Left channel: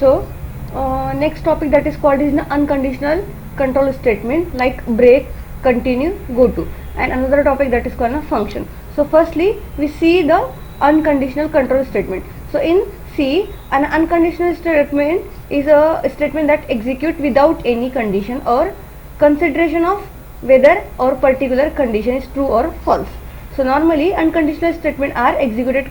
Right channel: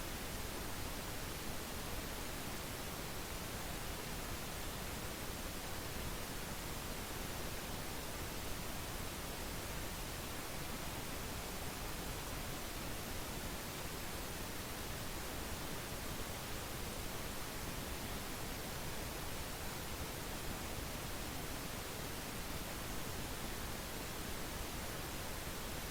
So next topic that is called is the unconditional control statement like break, continue, go to, and another topic that is called a function. So firstly we see the unconditional control statement. So in C, an unconditional statement is a statement that executes without any condition or consideration of whether or particular condition is true or false. So normally unconditional statements are executed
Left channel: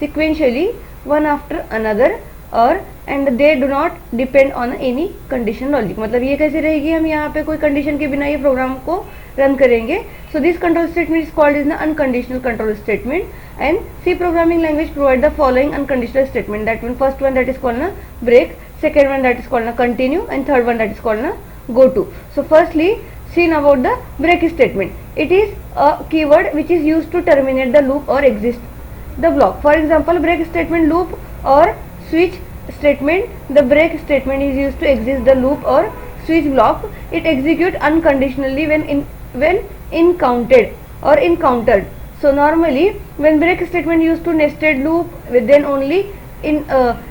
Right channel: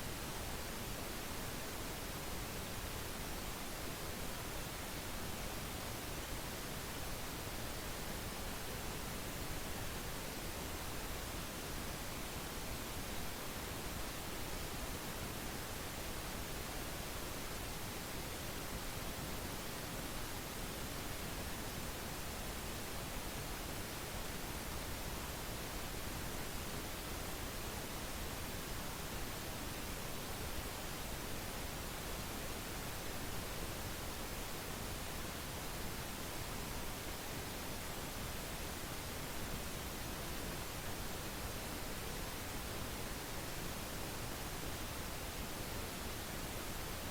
sequentially one after another और and they do not depend on any condition logic. मतलब ये कैसे रहेगी, हम यहाँ पे कोई condition के बिना ये प्रोग्राम को रन करेंगे. So this control statement is called is the unconditional control statement. And C programming language provide the following unconditional statement. That one first one that is called ना break, second one that is called na continue, and third one that is called na go to. So firstly seen about the break statement. It is a keyword which is used to terminate the loop or exist the block. For example, break statement, loop or switch statement. The break statement is used to exist the loop or switch block. It executes unconditionally when encountered or encountered. So normally when break statement used to nested loop, then only in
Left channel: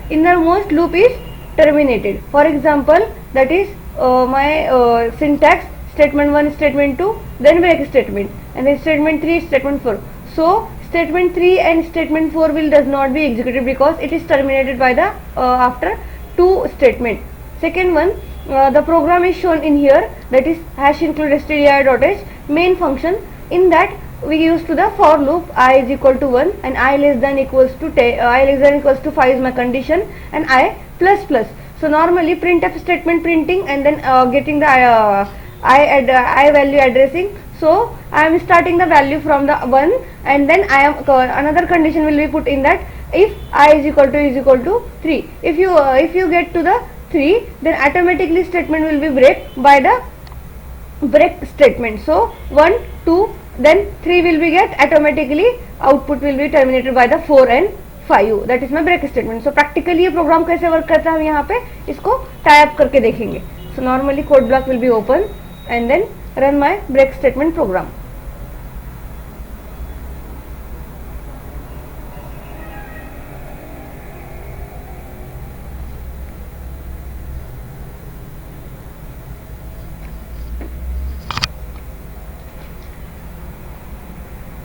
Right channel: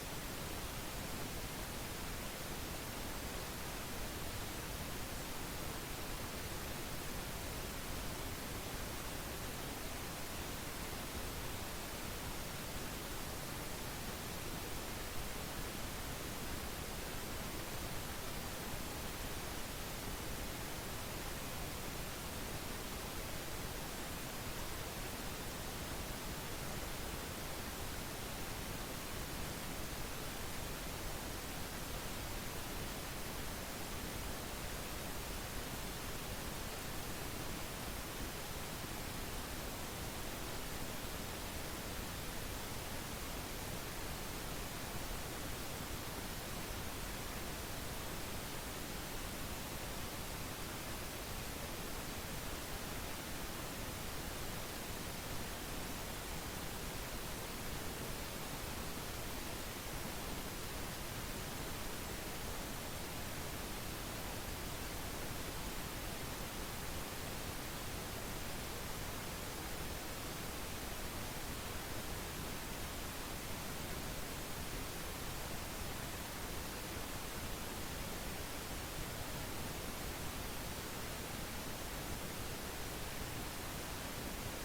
innermost loop is terminated. For example, that is my syntax: statement 1, statement 2, then break statement, and then statement 3, statement 4. So statement 3 and statement 4 will does not be executed because it is terminated by the after 2 statement. Second one, the program is shown in here, that is hash include stdio.h main function. In that we use to the for loop I is equal to 1 and I less than equals to 10, I less than equals to 5 is my condition, and I plus plus. So normally printf statement printing and then getting the I value addressing. So I am starting the value from the 1, and then I am another condition will be put in that if I is equal to 3. If you get to the 3, then automatically statement will be break by the break statement. So 1, 2, then 3 will be get automatically output will be terminated by the 4 and 5. That is my break statement. So practically ये programme कैसे work करता है हम यहाँ पे इसको tie up करके देखेंगे. So normally code block will be open and then run my break statement program.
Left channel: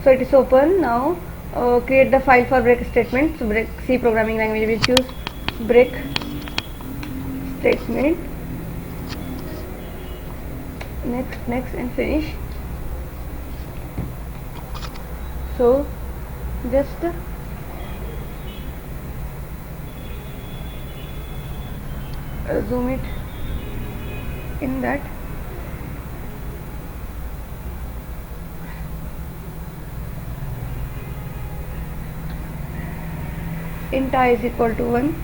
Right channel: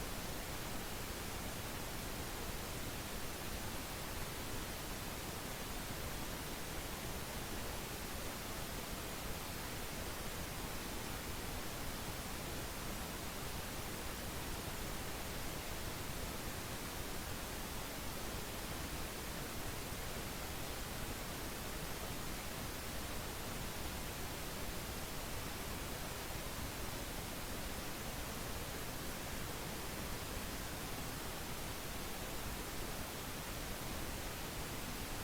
So it is open now. Create the file for break statement. So break C programming language we choose break statement. Next and finish. So just zoom it in that. Int I is equal to 1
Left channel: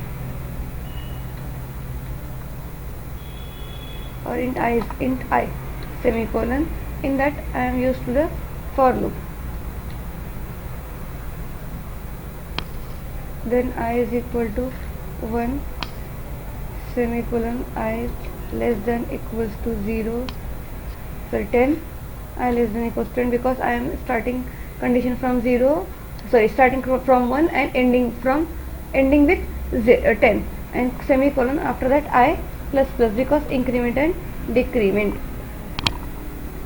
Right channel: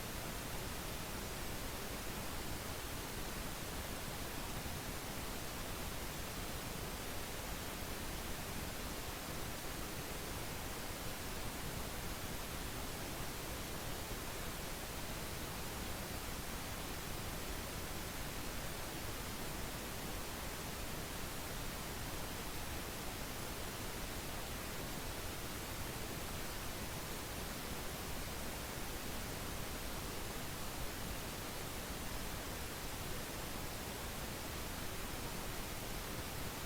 or int I semicolon. In that I am used to the for loop. Then I is equal to 1 semicolon I less than equals to 0 for 10. I less than equals to 10 because I am starting condition from 0, starting from 1 and ending with 10, and semicolon after that I plus plus because increment and decrement.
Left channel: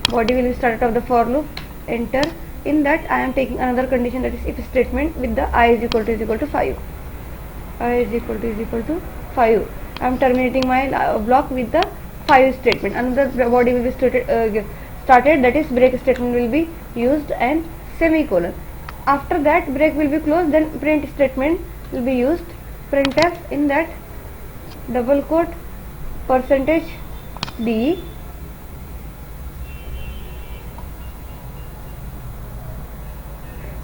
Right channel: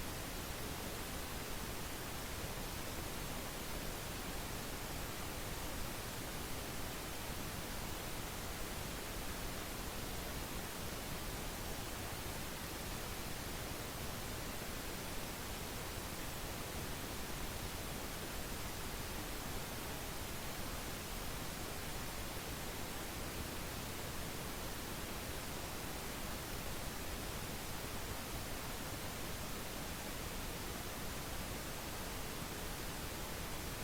Body will be started of the for loop. Enter. In that I am taking another condition, that is if statement with the I is equal to 5. I is equal to 5. I am terminating my block with the 5 statement. Another body will be started, that is break statement will be used and semicolon. After that break will be closed, then print statement will be used. Printf, in that double quote percentage %d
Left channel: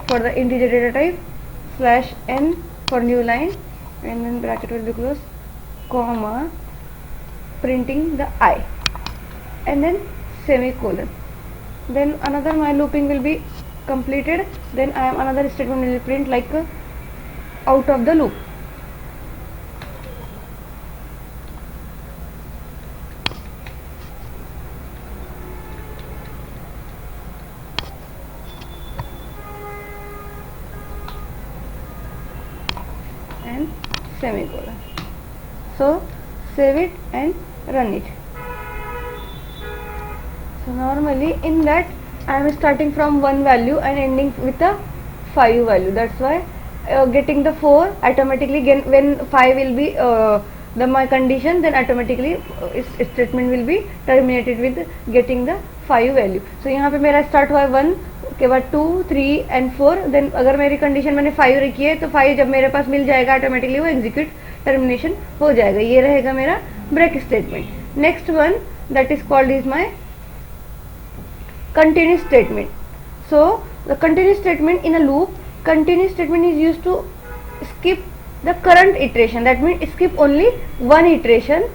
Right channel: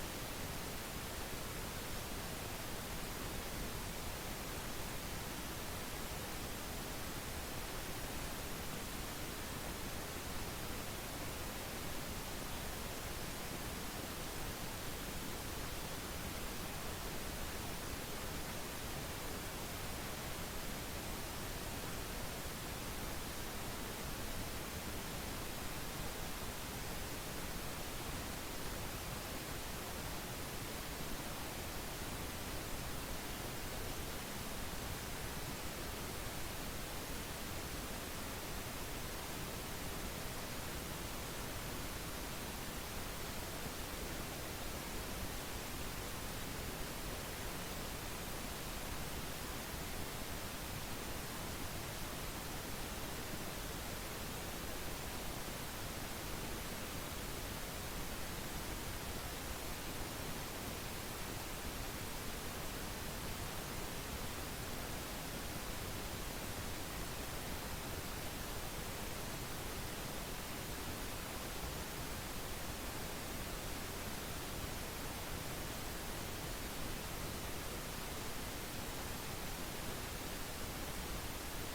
for the integer data type /n for new line, and then bracket will be closed, comma, printing the I, and then semicolon. Then another my looping will be completed. Then I am another statement will be print like out of the loop. And semicolon. So save it and run it. So normally in that I am starting from 1 value and ending with a 5 value. That's why getting the 4 automatically when 5 will be my condition, then automatically statement will be terminated with getting the 5 value. So यहाँ पे मेरा start हुआ 1 के बाद 2, 3 and 4. then अगर मेरी condition मैंने 5 रखी है तो 5 जब मेरे पास मिल जाएगा ऑटोमेटिकली वो एग्जीक्यूट टर्मिनेशन हो जाएगा. ये रहेगा मेरा break statement. Next one that is called is my continuous statement. So the continuous statement in a loop, continuous statement is used to skip the current iteration. That means skip only one iteration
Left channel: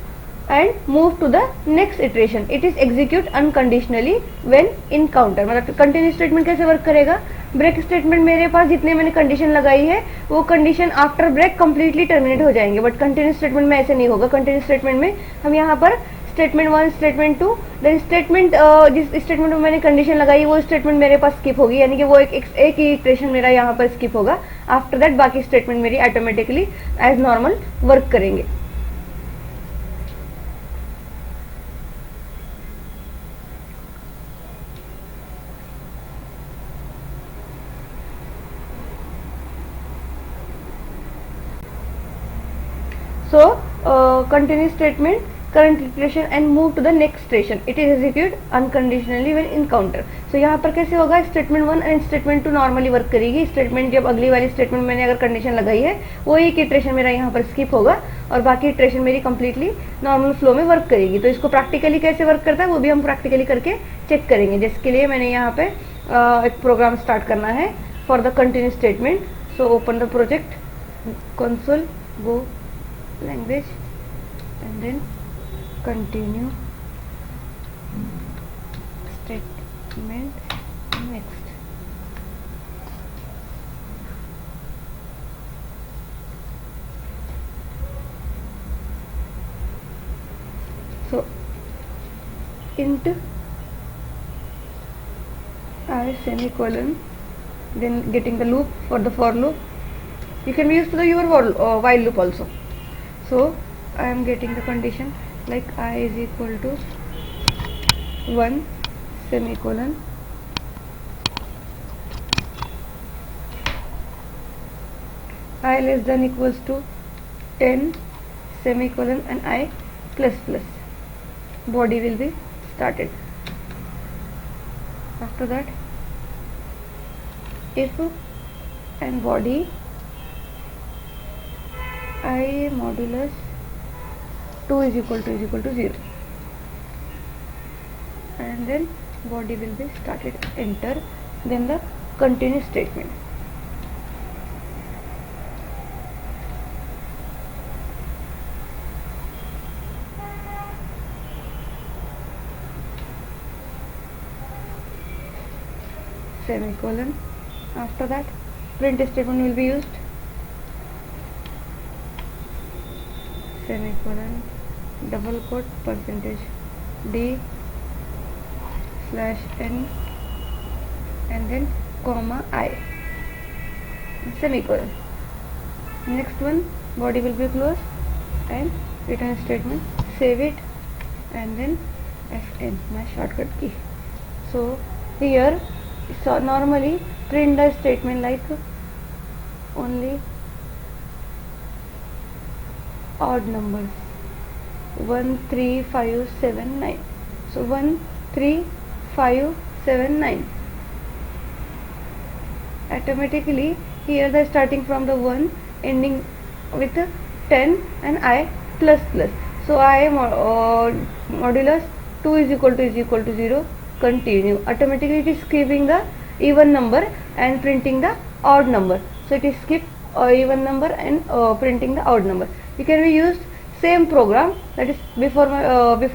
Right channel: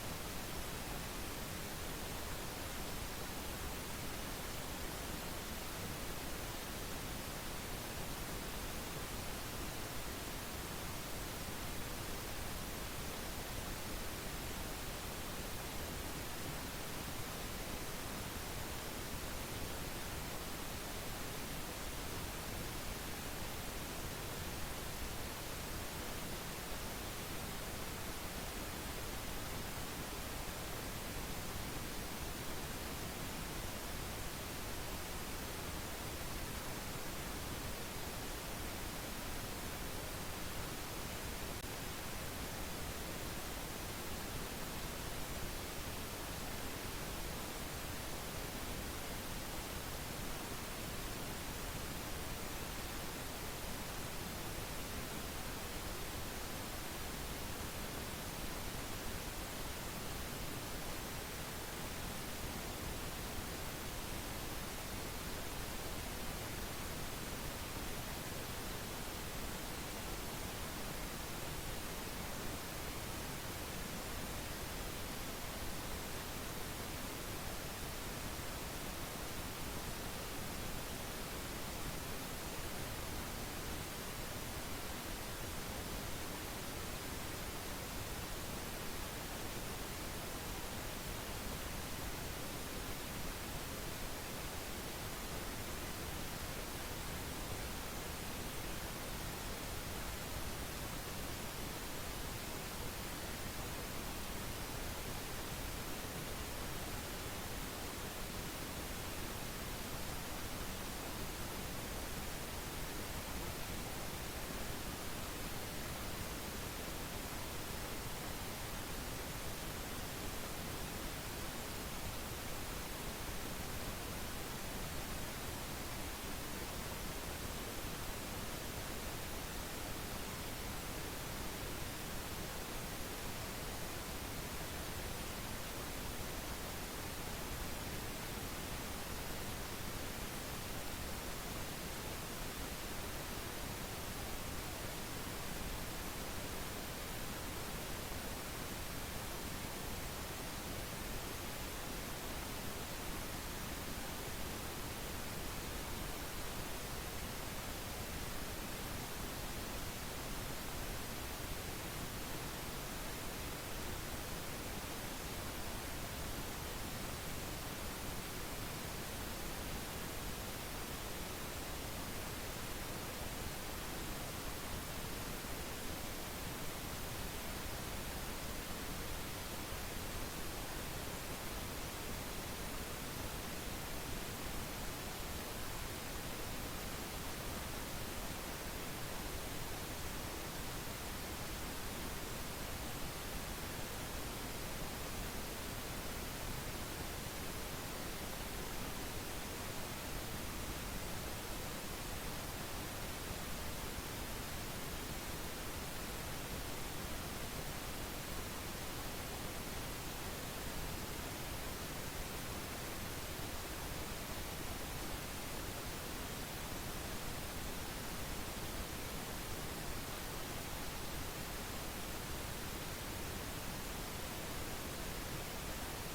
and move to the next iteration. It is execute unconditionally when in counter. मतलब continuous statement कैसे work करेगा? Break statement मेरे पास जितने मैंने condition लगाई है वो condition after break completely terminate हो जाएंगे, बट कंटिन्यूस स्टेटमेंट में ऐसे नहीं होगा. कंटिन्यूस स्टेटमेंट में हम यहाँ पर स्टेटमेंट 1, स्टेटमेंट 2, देन स्टेटमेंट जिस स्टेटमेंट में मैंने कंडीशन लगाई वो स्टेटमेंट मेरे पास स्किप होगी, यानी कि वो एक ही इटरेशन मेरा यहाँ पर स्किप होगा. आफ्टर दैट बाकी स्टेटमेंट मेरी ऑटोमेटिकली एज नॉर्मल वर्क करेंगे. So continuous statement, current iteration and move to the next iteration. It is execute unconditionally when in counter. So यहाँ पर कैसे होगा? Statement 1 and statement 2 normally work करेगी. Statement जब अगली वाली स्टेटमेंट मैंने अगर कंडीशन लगाई है वो एक इटरेशन मेरा यहाँ पर स्किप होगा और बाकी इटरेशन मेरी कंप्लीटली नॉर्मल फ्लो में वर्क करेगी. तो इसको प्रैक्टिकली कैसे वर्क करता है वो भी हम प्रैक्टिकली करके चेक करेंगे, जिसके लिए मैंने यहाँ पे एक प्रोग्राम स्टार्ट करना है for the continuous statement. So open the project, console, go language and then continue statement next. So int I semicolon, then getting the loop for the for loop. You can use the your while loop also. So I am getting the condition like I is equal to 1 semicolon I less than equals to 10 semicolon and I plus plus. Body will be started. After that if and body I modulus 2 is equal to 0 and then body will be started, enter, then the continuous statement. Semicolon. After that print statement will be used. Semicolon, double quote, percentage d slash n and then comma I, semicolon. Next one, body will be closed and return statement, save it and then fn, my shortcut key. So here normally print the statement like only odd numbers 1 3 5 7 9. So 1 3 5 7 9. Automatically here the starting from the 1 ending with 10 and I plus plus. So I modulus 2 is equal to 0, continue. Automatically it is skipping the even number and printing the odd number. So it is skip even number and printing the odd number. You can be used same program, that is before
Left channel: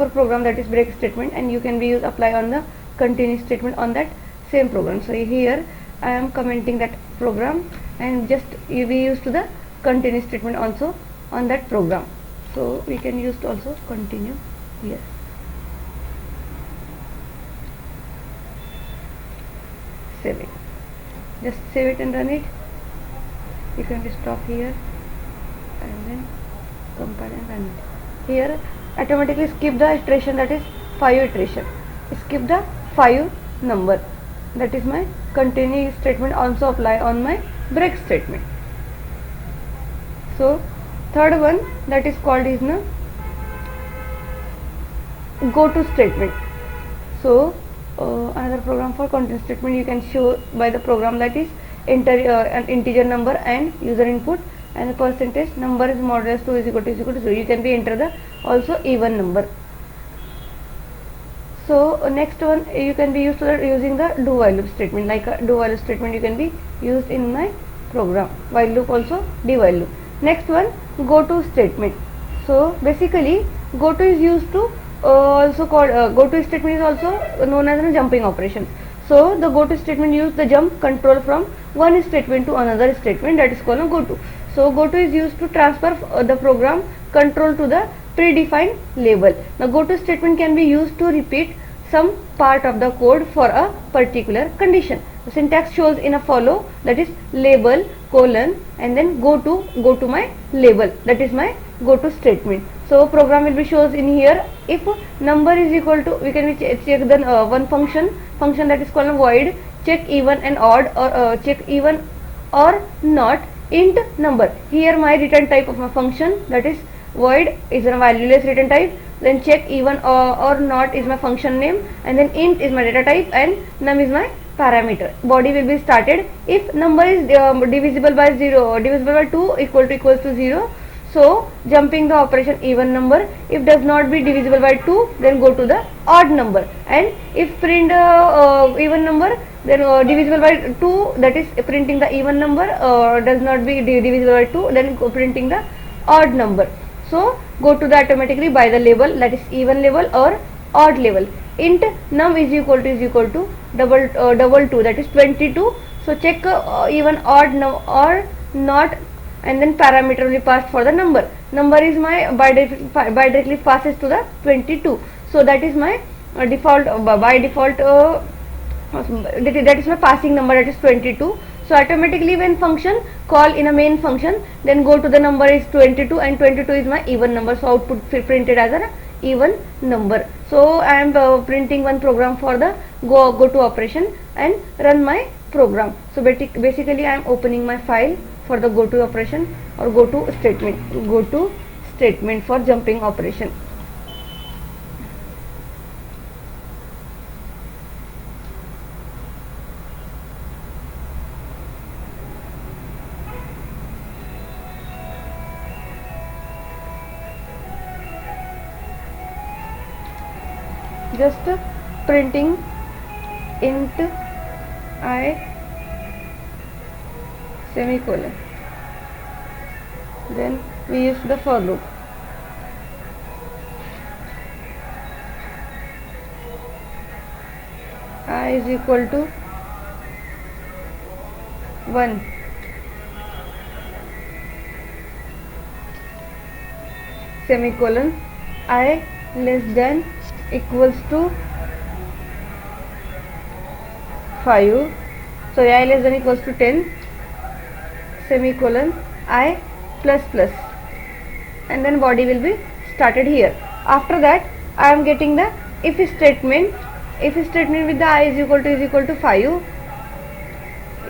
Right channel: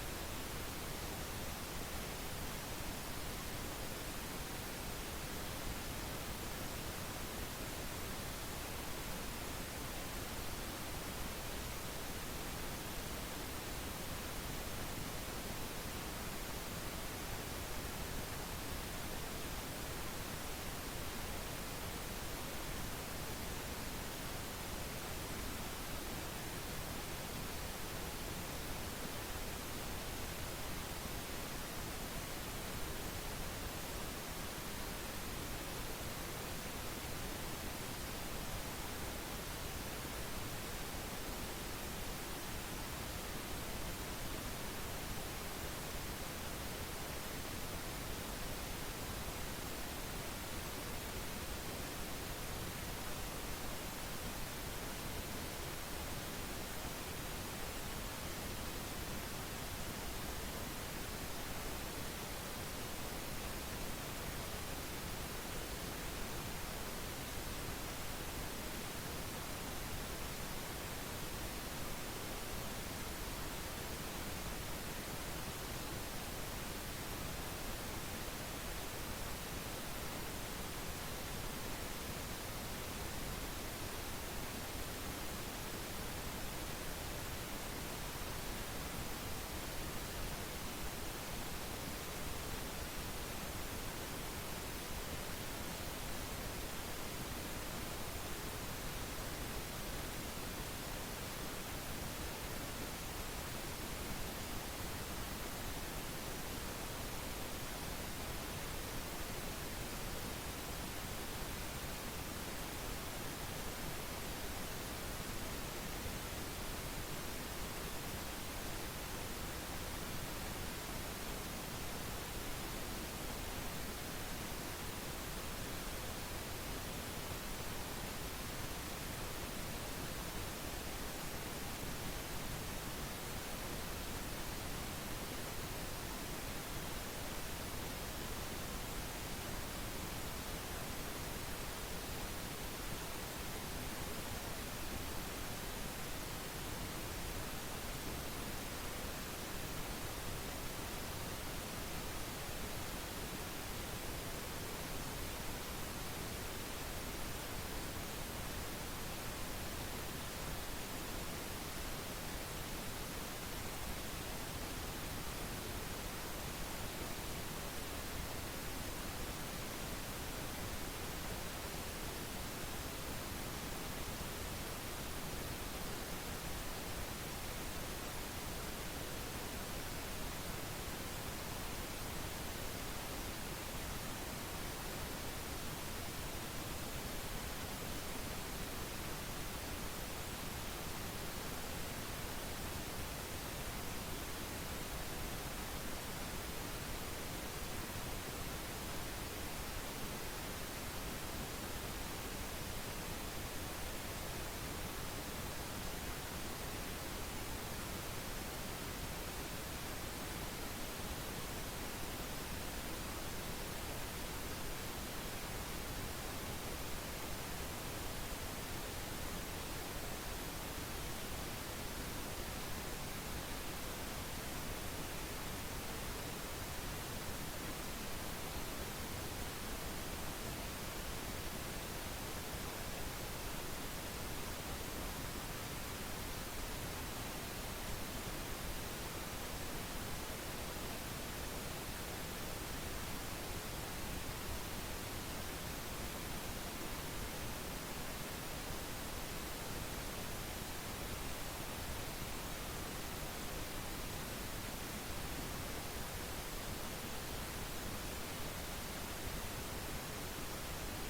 program, that is break statement, and you can be used apply on the continuous statement on that same program. So here I am commenting that program and just you be used to the continuous statement also on that program. So we can use also continue here. Save it. Just save it and run it. You can stop here and then compile and run. Here automatically skip the iteration, that is 5 iteration. Skip the 5 number. That is my continue statement also apply on my break statement. So third one that is called is na go to statement. So another program for content statement you can show by the program, that is enter an integer number and user input, and the percentage number is modulus 2 is equal to 0. You can be enter the also even number. So next one you can be used to that using the do while loop statement. Like a do while loop statement you can be used in my program, while loop also do while loop. Next one go to statement. So basically go to is used to also called go to statement is also known as a jumping operation. So the go to statement use the jump control from one statement to another statement, that is called a go to. So go to is used to transfer the program control to the predefined label. Now go to statement can be used to repeat some part of the code for a particular condition. The syntax shows in a follow, that is label colon and then go to my label, that is my go to statement. So program will be shows in here. If number is equal to, we can check the one function that is called void check even and odd, or check even or not int number. Here my return type of my function, that is void is a valueless return type, then check even or not is my function name, and then int is my data type and num is my parameter. Body will be started if number is divisible by 0, divisible by 2 equals to 0. So jumping the operation even number. If does not be divisible by 2, then go to the odd number, and if print even number, then divisible by 2, that is printing the even number, does not be divisible by 2, then printing the odd number. So go to the automatically by the label, that is even label or odd label. Int num is equal to double 2, that is 22. So check even odd num or not, and then parameter will be passed for the number. Number is my by directly passes to the 22. So that is my default by default that is my passing number, that is 22. So automatically when function call in a main function, then go to the number is 22 and 22 is my even number. So output printed as an even number. So I am printing one program for the go to operation and run my program. So basically I am opening my file for the go to operation or go to statement for jumping operation. Just printing int I semicolon, then we use the for loop. I is equal to 1, semicolon, I less than equals to 5, so I less than equals to 10, semicolon, I plus plus, and then body will be started here. After that I am getting the if statement with the I is equal to 5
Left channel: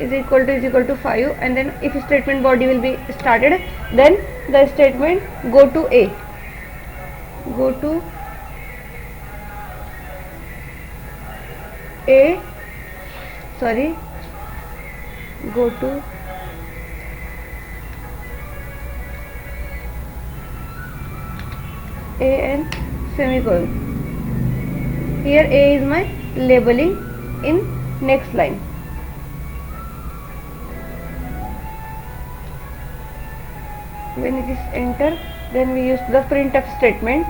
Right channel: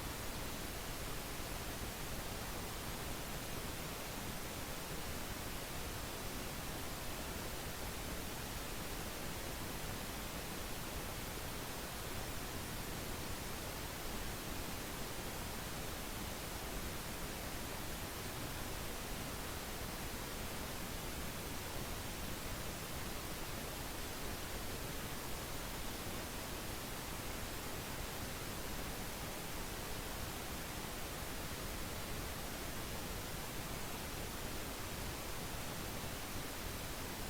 is equal to 5, and then if statement body will be started, then the statement go to A, go to A, sorry, go to A and semicolon. Here A is my labeling in next line. When it is enter, then we use the printf statement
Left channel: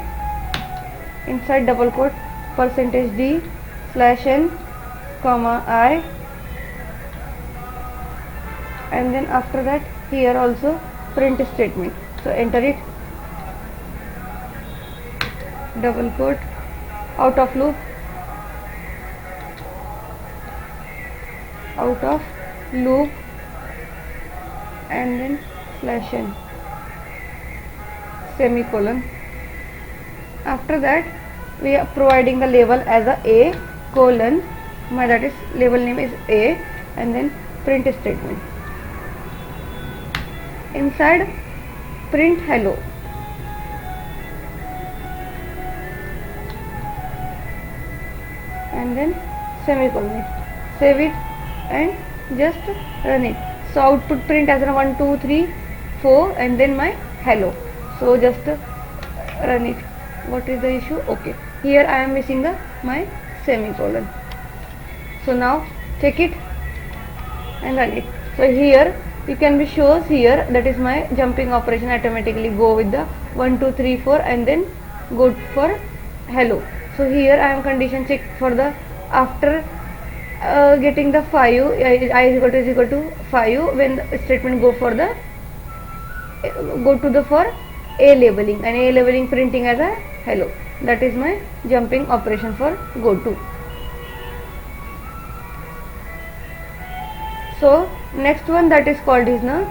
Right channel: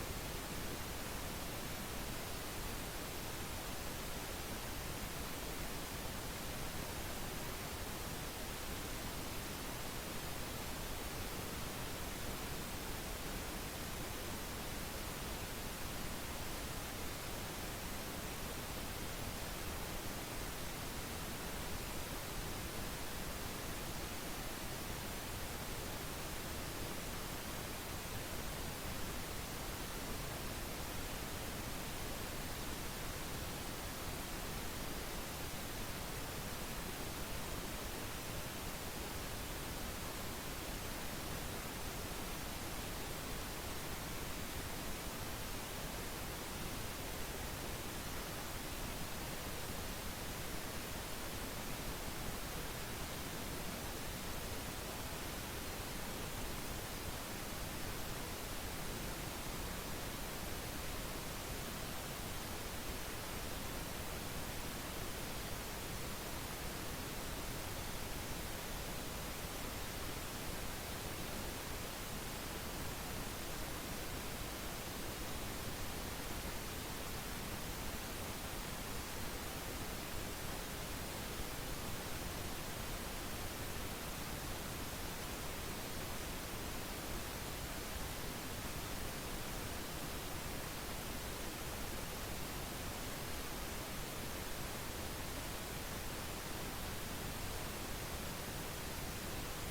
inside double quote %d /n comma I, and then after that here also print statement. So enter it, double quote, out of loop, and then /n semicolon. After that we are providing the label as a colon, that is label name is a, and then print statement. Inside print hello, and then semicolon. Save it and just run it. So output print as a 1 2 3 4 and then my hello. So just run it. What is the issue? Okay, here I am missing my semicolon. So now check it and run it. So here you can be shows here, that is my jumping operation automatically go with the 1 2 3 4 and then go for hello. So here I am condition check for the after getting the 5 I is equal to 5 when the statement go for the go to the for a labeling, and a labeling printing as a hello. That is my jumping operation for go to. So next one that is called is now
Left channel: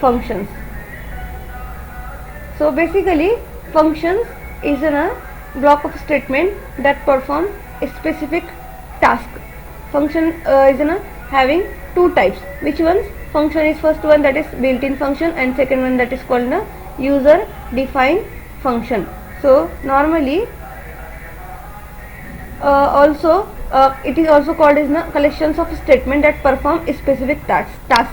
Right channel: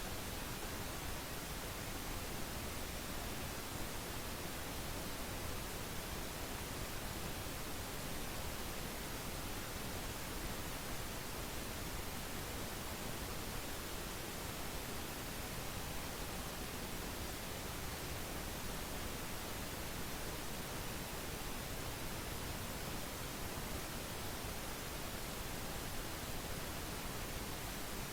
functions. So basically functions is a block of statement that perform a specific task. Function is having two types. Which ones? Function is first one that is built-in function, and second one that is called a user defined function. So normally it is also called as collections of statement that perform a specific task.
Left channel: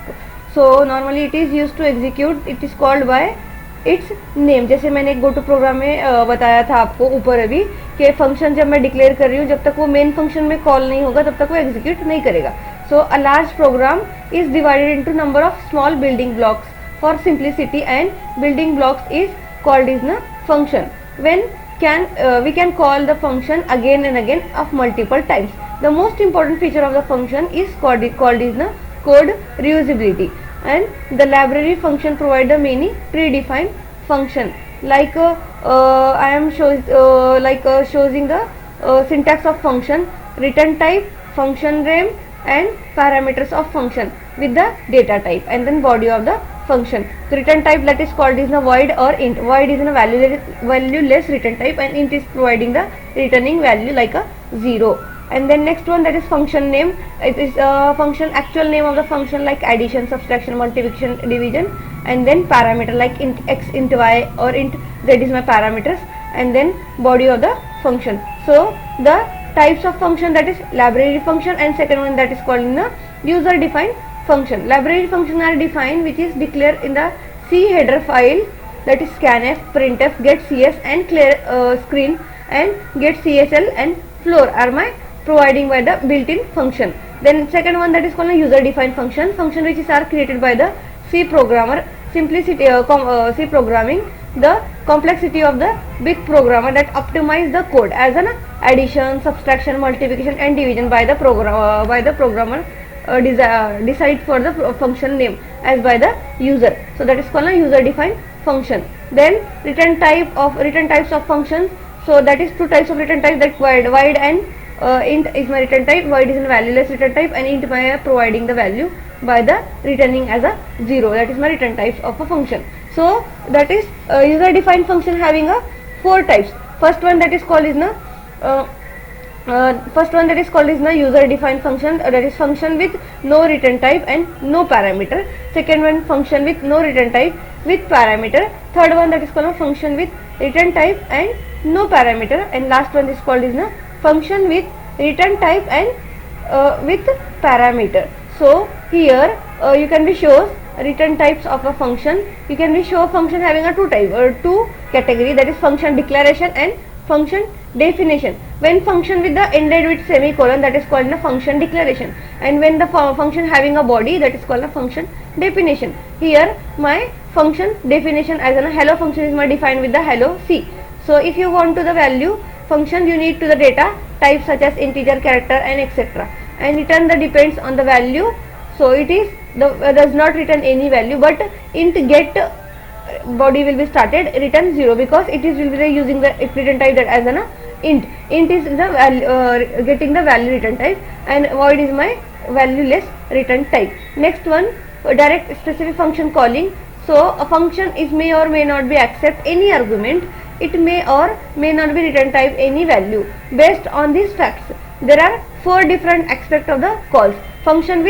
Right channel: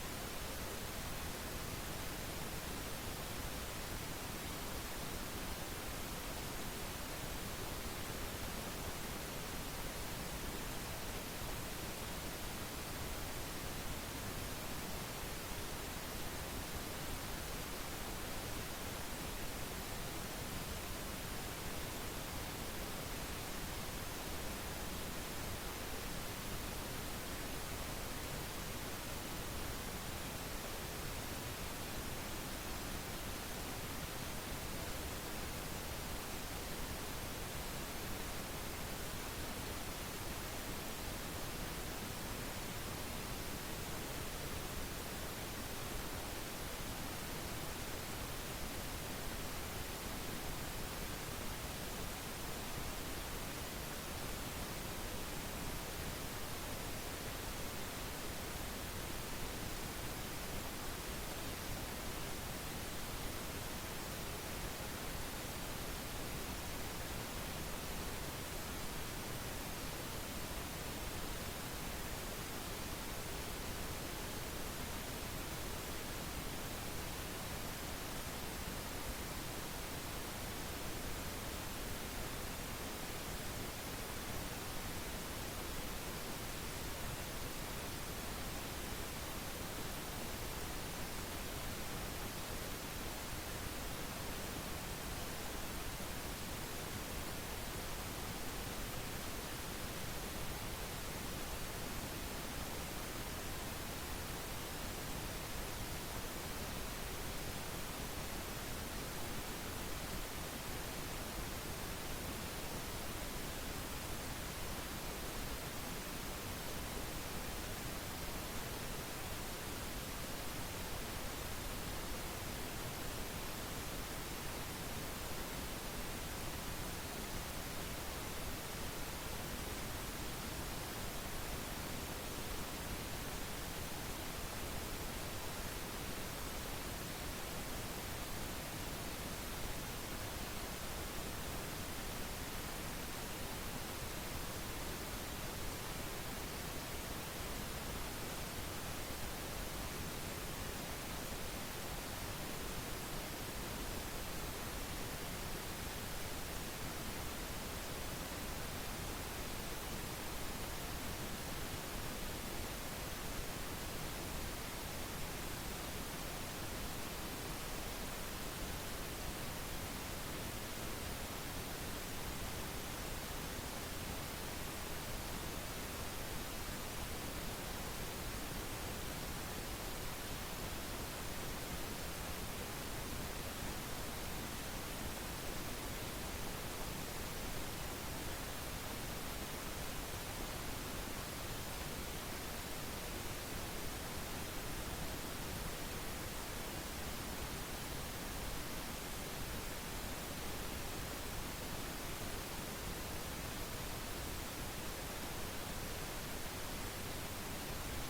So normally it is used to execute, it is called by its name. जैसे मैंने एक go to programme में बताया था आपको ऊपर अभी कि फंक्शन जब मैं डिक्लेयर कर रही हूँ, जब तक वो मेन फंक्शन में कॉल नहीं होगा तब तक वो एग्जीक्यूट नहीं करेगा. So a large program is divided into number of small building blocks for simplicity, and building blocks is called is an function. When we can call the function again and again of multiple times. The most important feature of the function is called is the code reusability, and the library function provide the many predefined function like I am showing the syntax of function, return type, function name, and parameters of function with the data type, and then body of the function. So return type that is called is a void or int. Void is a valueless return type, and int is providing the returning value like a 0. And then next one that is function name. It is function actual name of the function like addition, subtraction, multiplication, division, and then parameter like int x, int y, or int z is my parameters, and then body of the function. So the types of function that is library function, and second one that is called in the user defined function. Library function are defined which is declared in the C header file, that is scanf, printf, getcs, and clear screen, and getcsl and floor are my providing by the built-in function. Then second one that is called a user defined function which is are created by the C programmer. Simplicity C programming, the complexity of the big programmer that optimize the code as an addition, subtraction, multiplication, and division by the programmer decide for the function name as by the user. So that is called a user defined function. Then return types of functions. So that is two types of return types, that void and int is my return type. Void is a valueless return type, and int by providing the value by the returning as a 0. That is my return types of a function. So that is user defined function having a 4 types. First one that is called is user defined function, that is function with no return type and no parameter. Second one, function with no return type with parameter. Third one that is called a function with return type and no parameter, and last one is called is function with return type and with parameter. So here you can be shows return types of a function. You can be show function having a two category, that is function declaration and function definition. When function with the ended with semicolon, that is called a function declaration, and when the function having a body, that is called a function definition. Here my function definition as a hello function is my defined with the hello C. So if you want to the value function, you need to the data type such as integer, character, and etc. and return the depends on the value. So it is does not return any value, but int get body will be started return 0 because it is will be using the return type that as an int. Int is the value getting the value return type, and void is my valueless return type. Next one, direct specific function calling. So a function is may or may not be accept any argument. It may or may not be return type any value. Based on these facts, there are four different aspects of the calls: function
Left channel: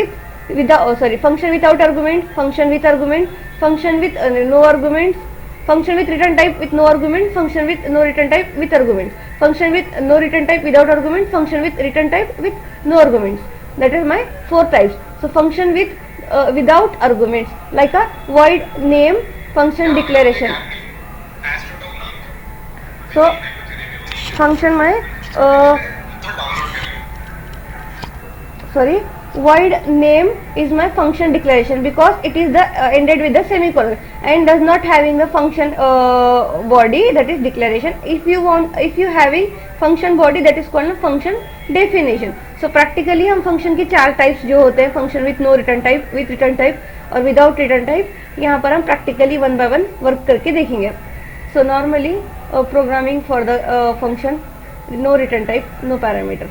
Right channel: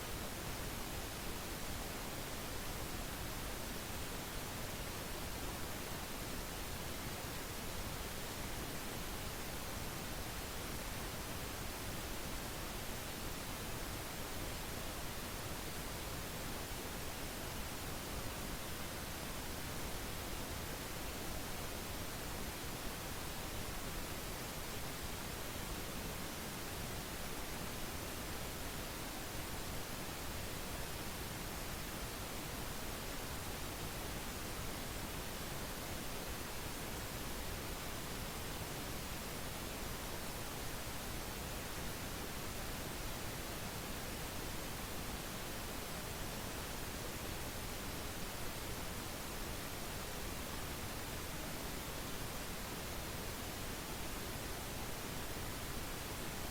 function without argument, function with argument, function with no arguments, function with return type with no argument, function with no return type with argument, function with no return type without argument, function with return type with no arguments. That is my four types. So function with without arguments, like a void name function declaration. So function my void name is my function declaration because it is the ended with the semicolon and does not having the function body, that is declaration. If you having function body, that is called a function definition. So practically हम function के चार types जो होते हैं, function with no return type, with return type और without return type, यहाँ पर हम practically one by one work करके देखेंगे. So normally programming for the function no return type, no parameter.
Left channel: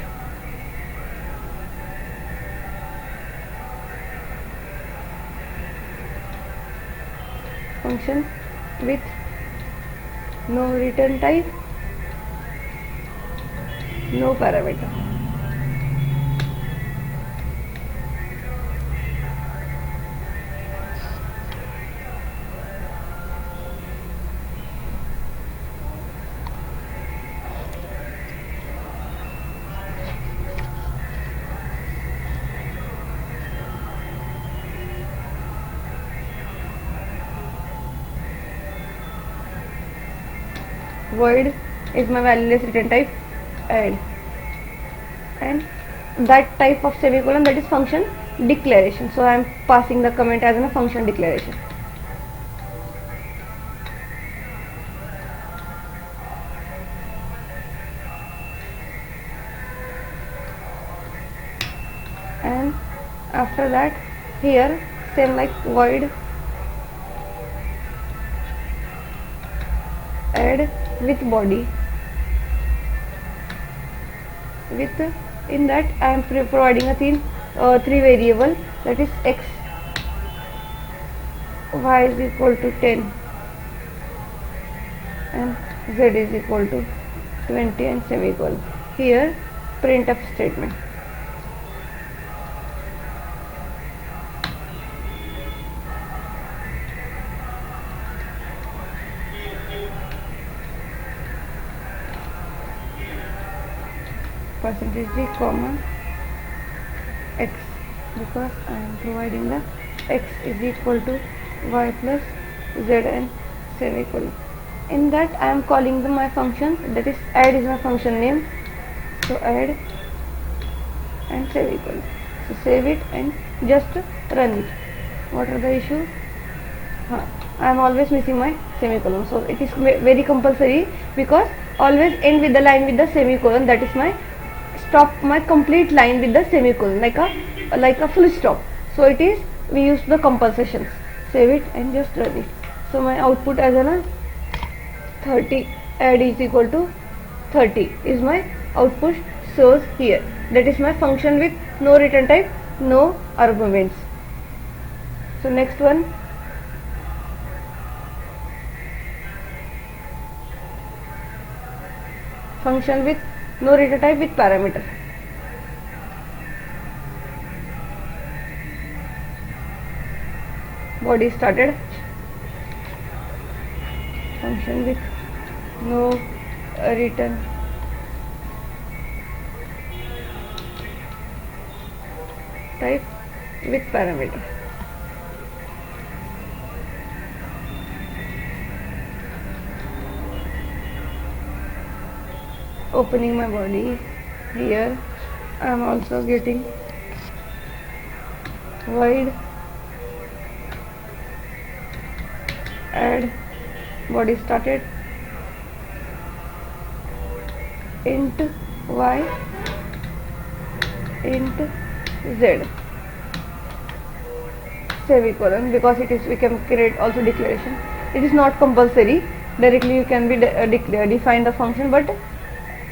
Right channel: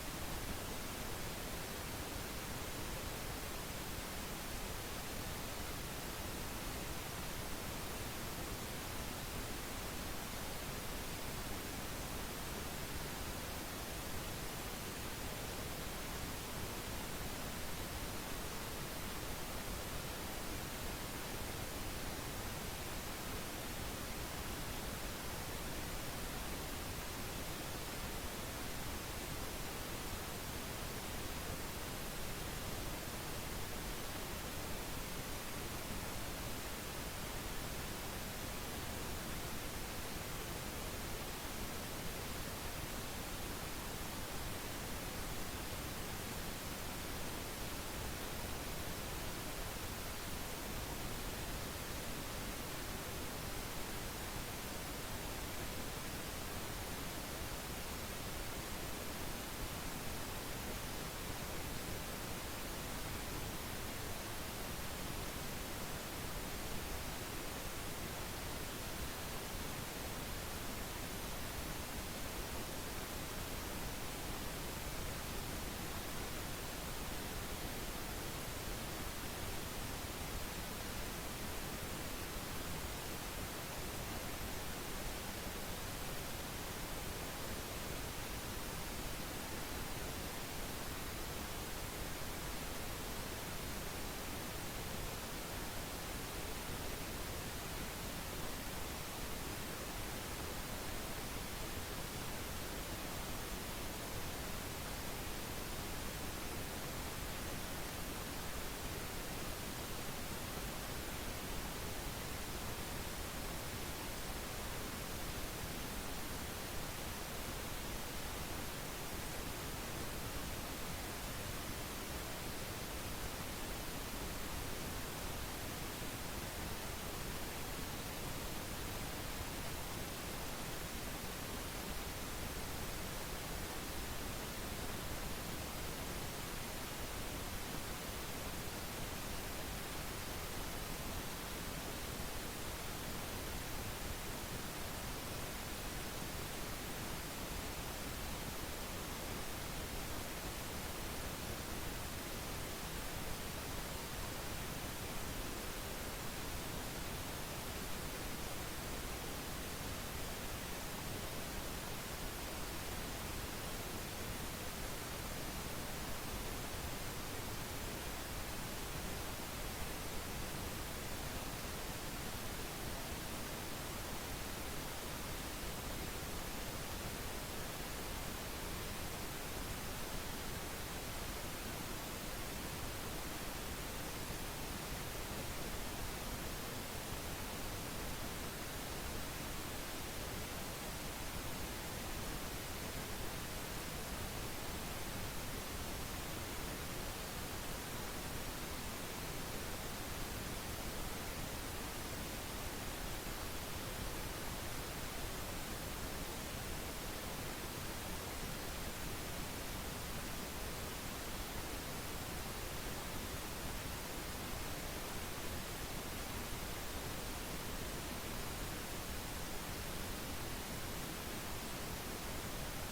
Function with no return type, no parameter. Void is my valueless return type, and that type of semicolon, that is function declaration. So I am passing the comment as a function declaration. And after that, here same like void add with body, with in that I am providing a three variable, that is x, y is equal to 10 and z is equal to 20 and semicolon. Here printf statement. Percentage d comma x, because I am providing the x is equal to y plus z and semicolon. In that I am calling my function, that is add is my function name. So add and semicolon. So save it and just run it. What are the issue? I am always missing my semicolon. So it is very compulsory, because always end with the line with the semicolon. That is my stop my complete line with the semicolon, like a full stop. So it is, we use the compulsations. Save it and just run it. So my output as a 30, add is equal to 30 is my output shows here. That is my function with no return type, no arguments. So next one, function with no return type with parameter. Body started, function with no return type with parameter. Opening my body, here I am also getting void add body started int y int z semicolon, because it is, we can create also declaration. It is not compulsory, directly you can be define the function, but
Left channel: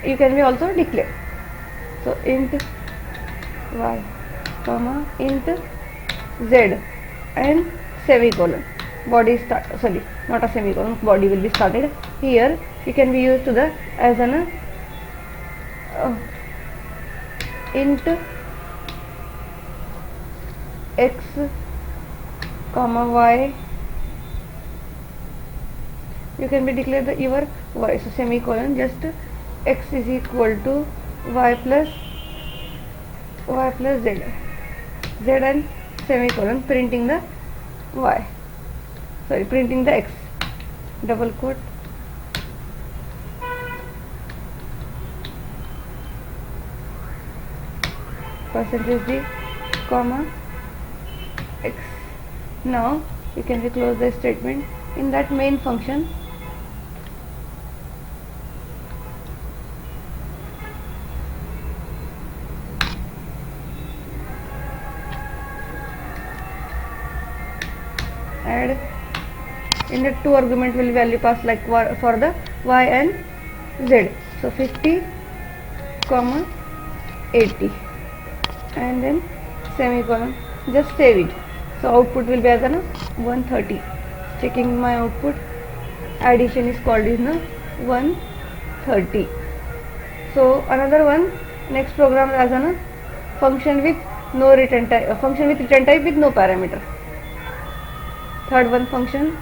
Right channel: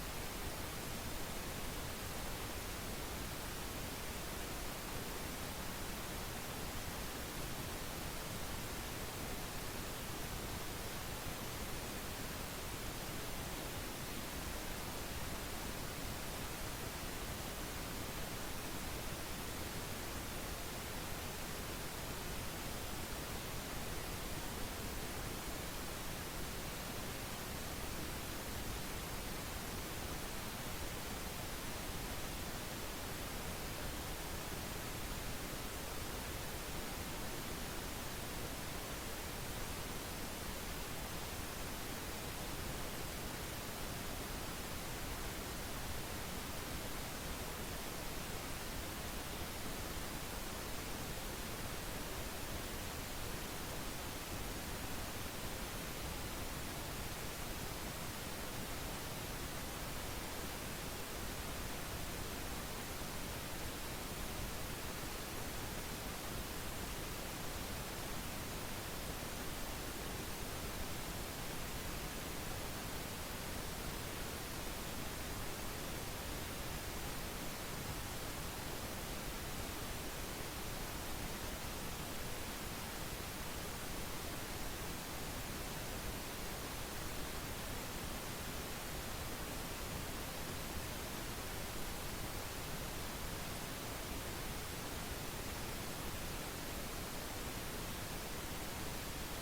you can be also declare. So int y comma int z and semicolon. Body start, sorry, not a semicolon, body will be started. Here it can be used to the as an int x comma y. You can be declare the your y, so semicolon, just x is equal to y plus z and semicolon, printing the y, sorry, printing the x, double quote, percentage d comma x. Now you can close the statement. In that main function, add, in the two argument will value pass like for the y and z, so 50 comma 80 and then semicolon, just save it. So output will be as an 130. Checking my output, addition is called is 130. So another one, next program as a function with no return type, function with return type with no parameter. Third one, function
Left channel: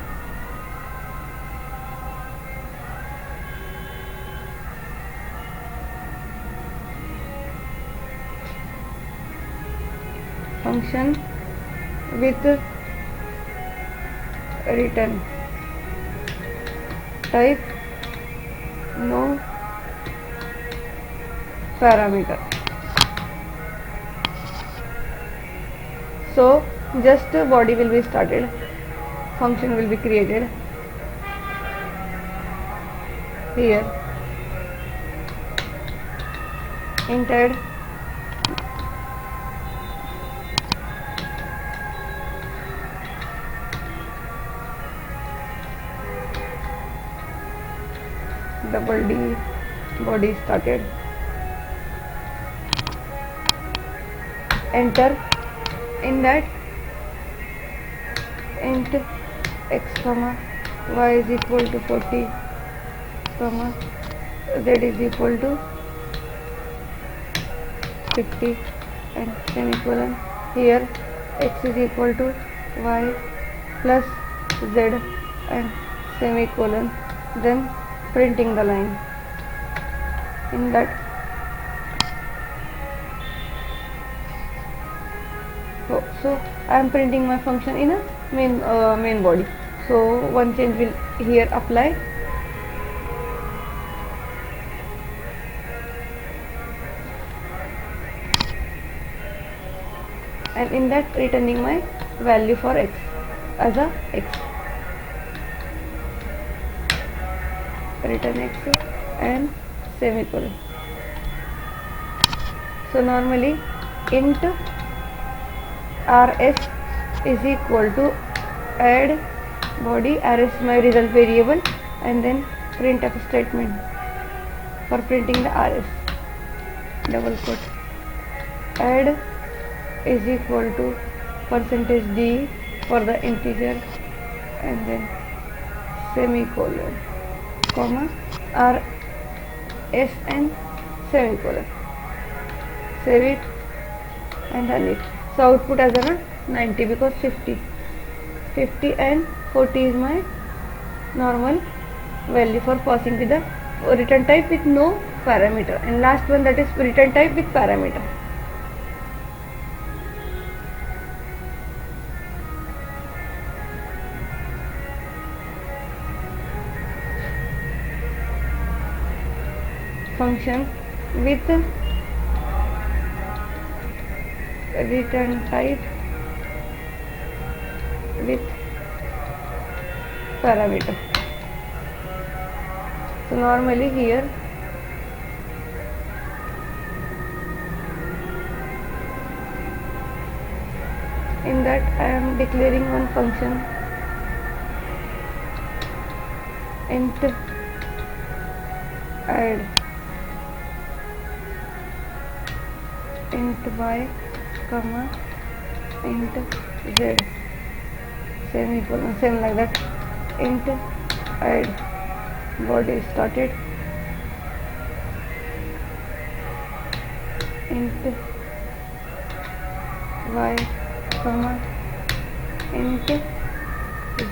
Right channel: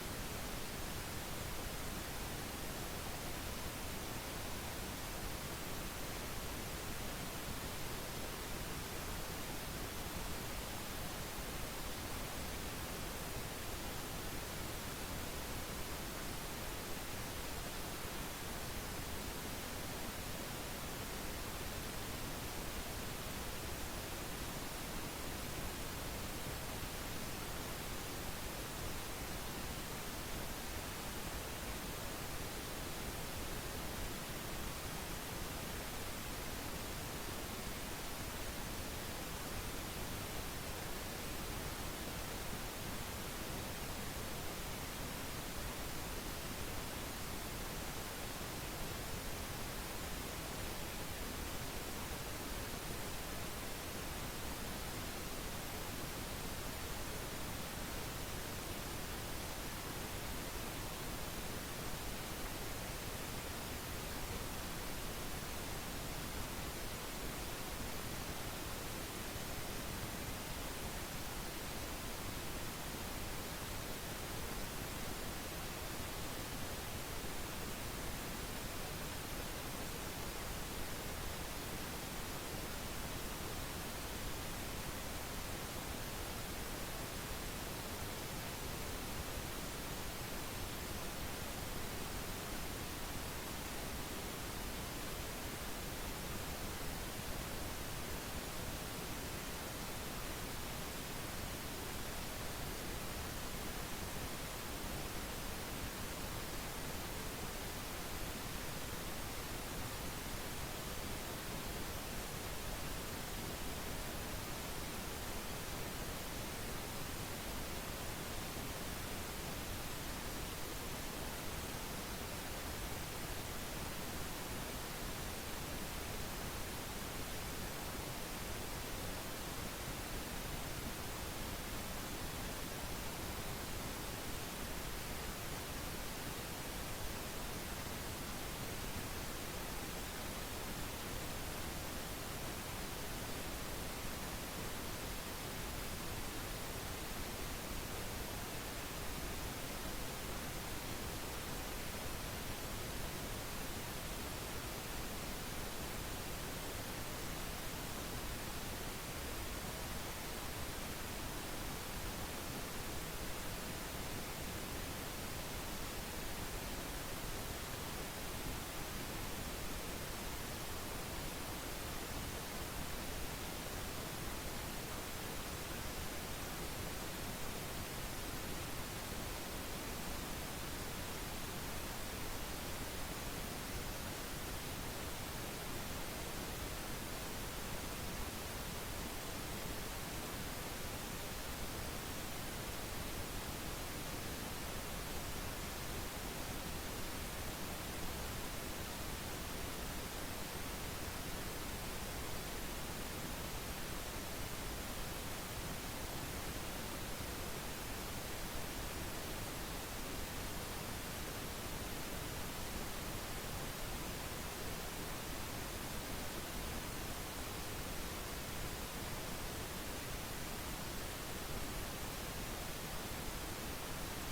with return type no parameter. So just body will be started, function will be created. Here int add double D, body started, enter. In that int x comma y is equal to 40 comma z is equal to 50 and semicolon. Here x is equal to y plus z and semicolon, then printing the line. In that so I am printing my function in a main body. So one change will here apply. And in that returning my value for x as a x, return x and semicolon. So normally int rs is equal to add body, rs my result variable, and then printf statement for printing the rs, double quote, add is equal to percentage d for the integer and then semicolon comma rs and semicolon, save it and run it. So output as a 90 because 50 and 40 is my normal value for passing with the return type with no parameter, and last one that is return type with parameter. Function with return type with parameter. So normally here in that I am declaring one function int add int y comma int z semicolon, same like that, int add body started, int y comma int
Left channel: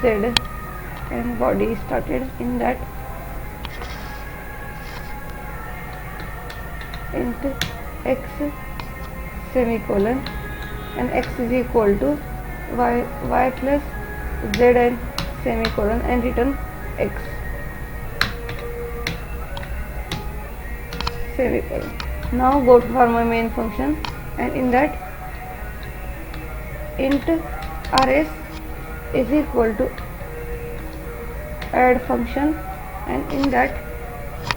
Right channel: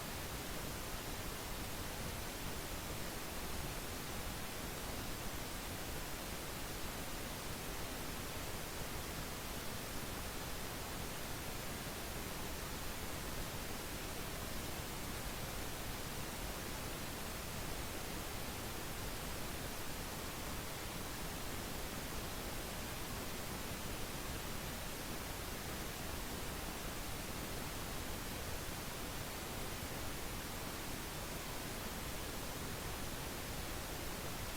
z and body started, in that int x semicolon and x is equal to y plus z and semicolon and return x semicolon. Now go for my main function, and in that int rs is equal to add function, and in that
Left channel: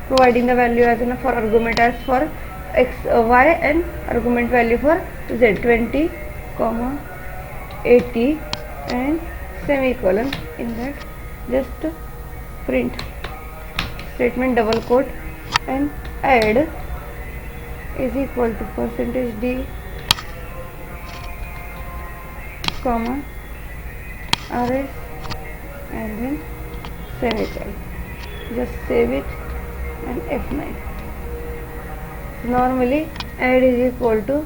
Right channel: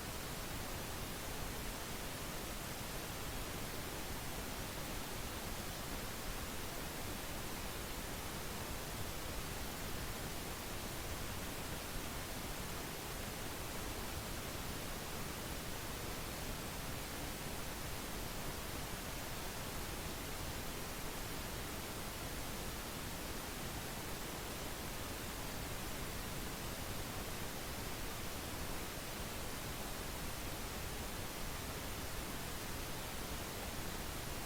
providing the value as in for argument as for x y and argument value for z 20 comma 80 and semicolon, in that just print statement double quote and add is equal to percentage d comma rs and then semicolon. Just save it and F9. Normally add is equal to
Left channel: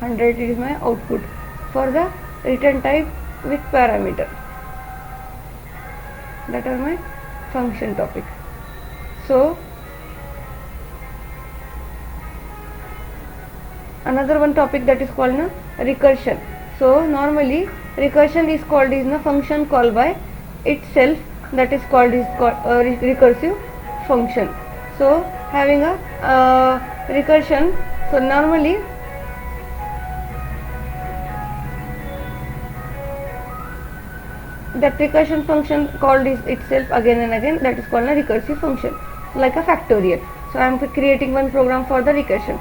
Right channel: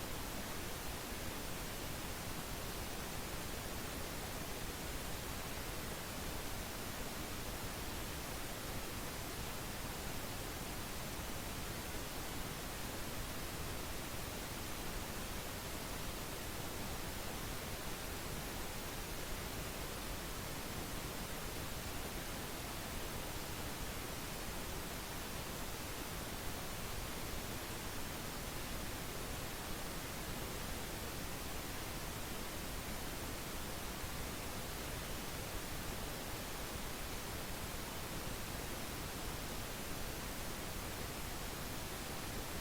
100 is my output for the return type with parameter. That are my function topics. So another one topic that is called recursion. So normally recursion is called is a function call by itself, that is called recursive function. So having a recursion, so normally that recursion function called is itself again and again, that is called a recursive function, like a factorial. So I am creating one program for the recursion.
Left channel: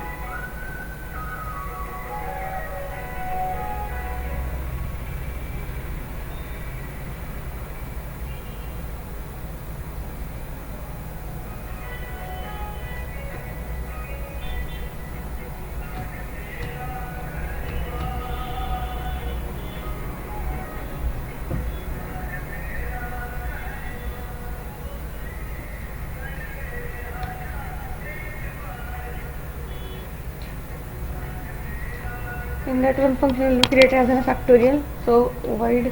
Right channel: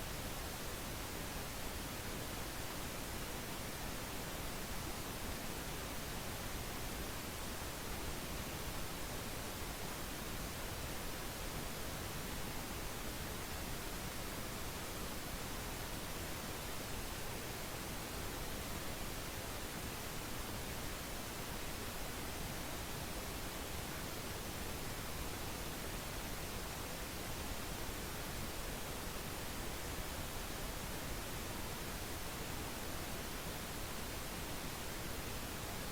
In that one function will create as a factorial. So void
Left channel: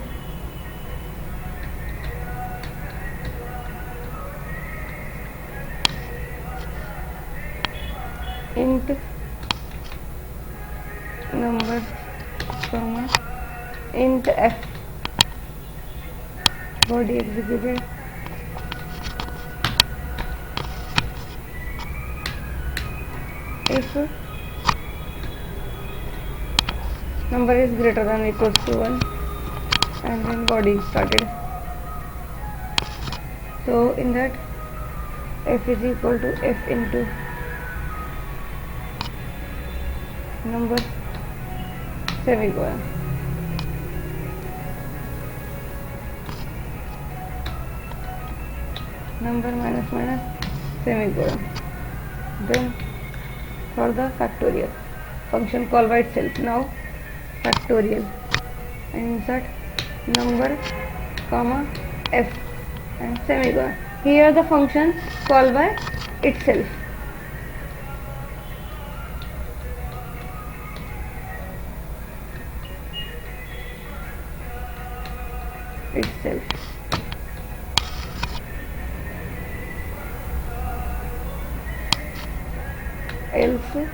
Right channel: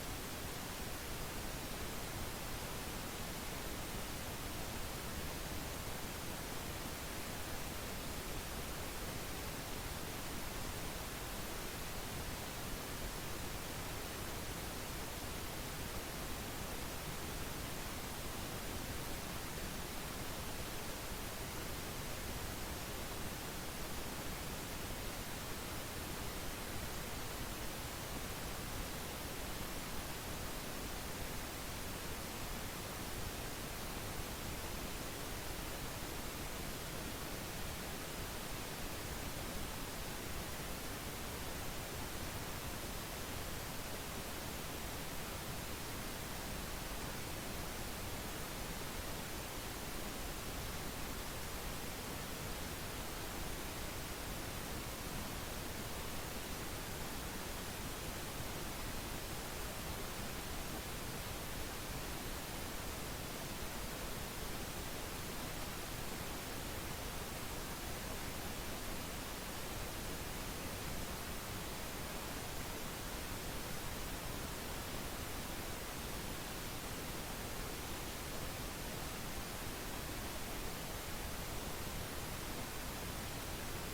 int number comma int f body executed if number is greater than or equals to 1 and then body started. So in that f is equal to f into number semicolon. Number minus minus semicolon. Then for the factorial function call by itself. Now factorial and insert number comma f and semicolon. Here the function call by itself. Else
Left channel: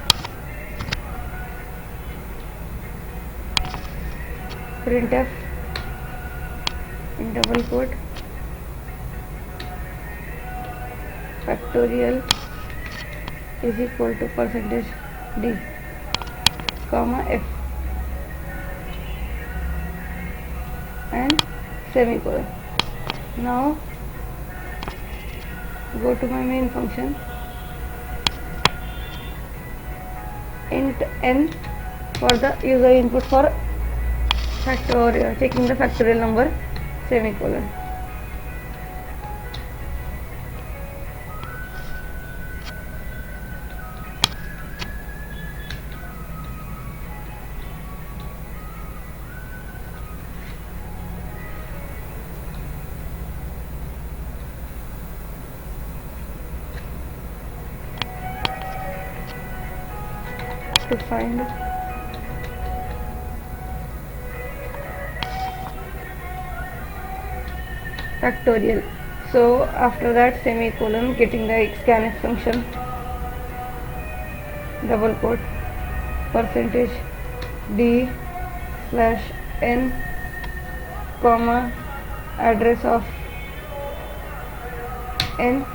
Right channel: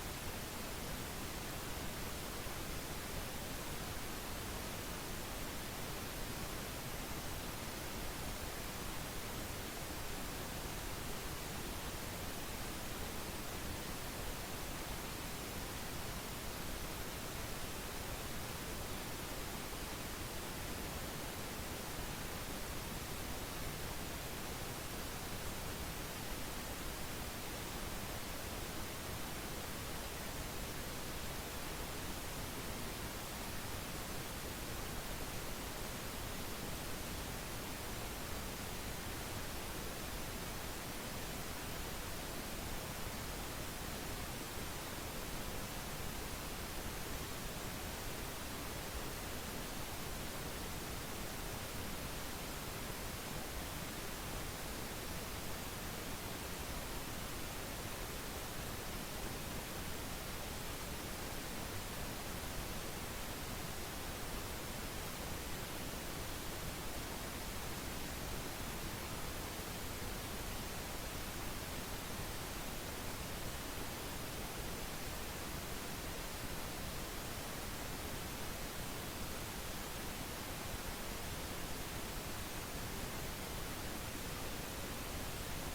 printf in double quote factorial is equal to percentage d comma f and semicolon. Now go to my main function, int n for the user input for factorial, taking the factorial number semicolon. to find factorial. So after that semicolon, getting the scanf function, double quote, percentage d slash n comma address of n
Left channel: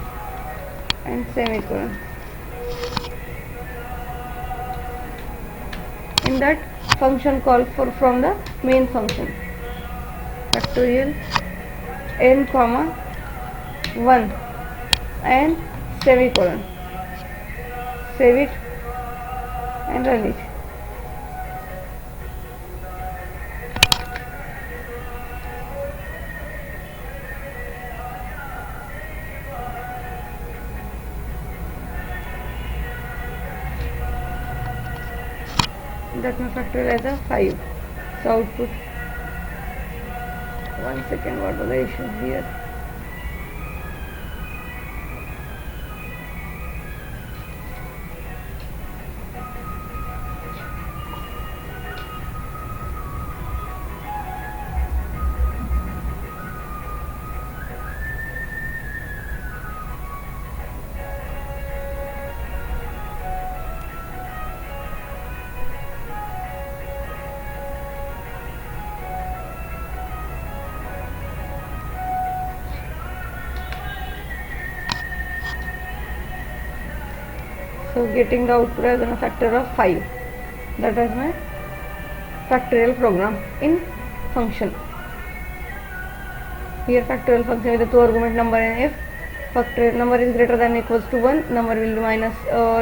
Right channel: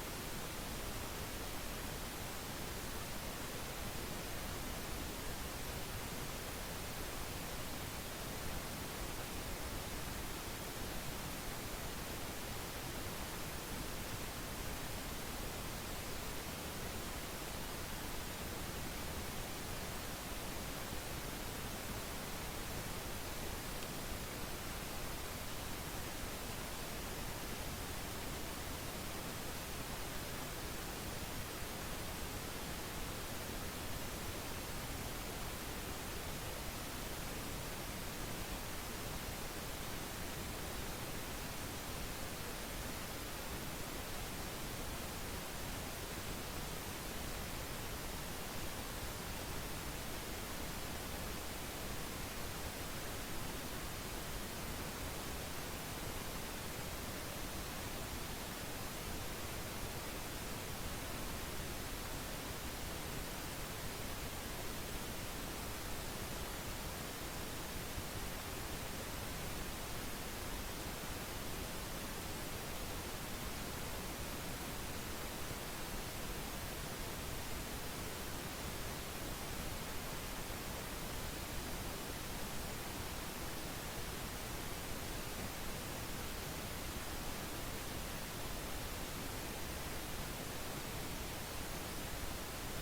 and semicolon. In that function call for from the main function, factorial n comma 1 and semicolon. Save it and run it. That my factorial as a 5. So output, 1 second, what are the issues here? So getting the output as a factor of 5. That is my factorial program in function. Here factorial function with the 2 argument number and if factorial number is greater than or equals to 1, number will be minus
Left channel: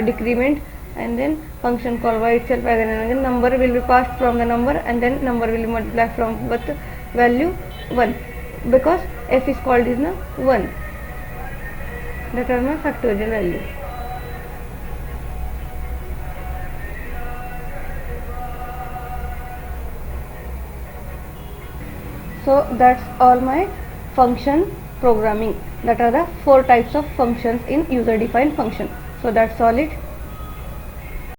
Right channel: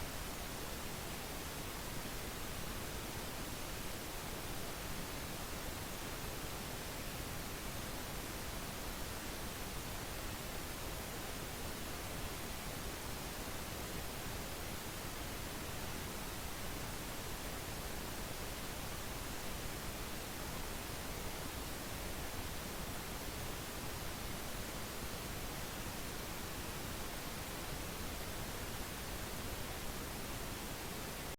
decrement, and then function call by itself as an number will be passed from the number, and then number will be multiplied from with value 1, because f is called is 1. That is my factorial value. So that's all my function programming. That are the 4 types of functions in user defined function. So that's all it.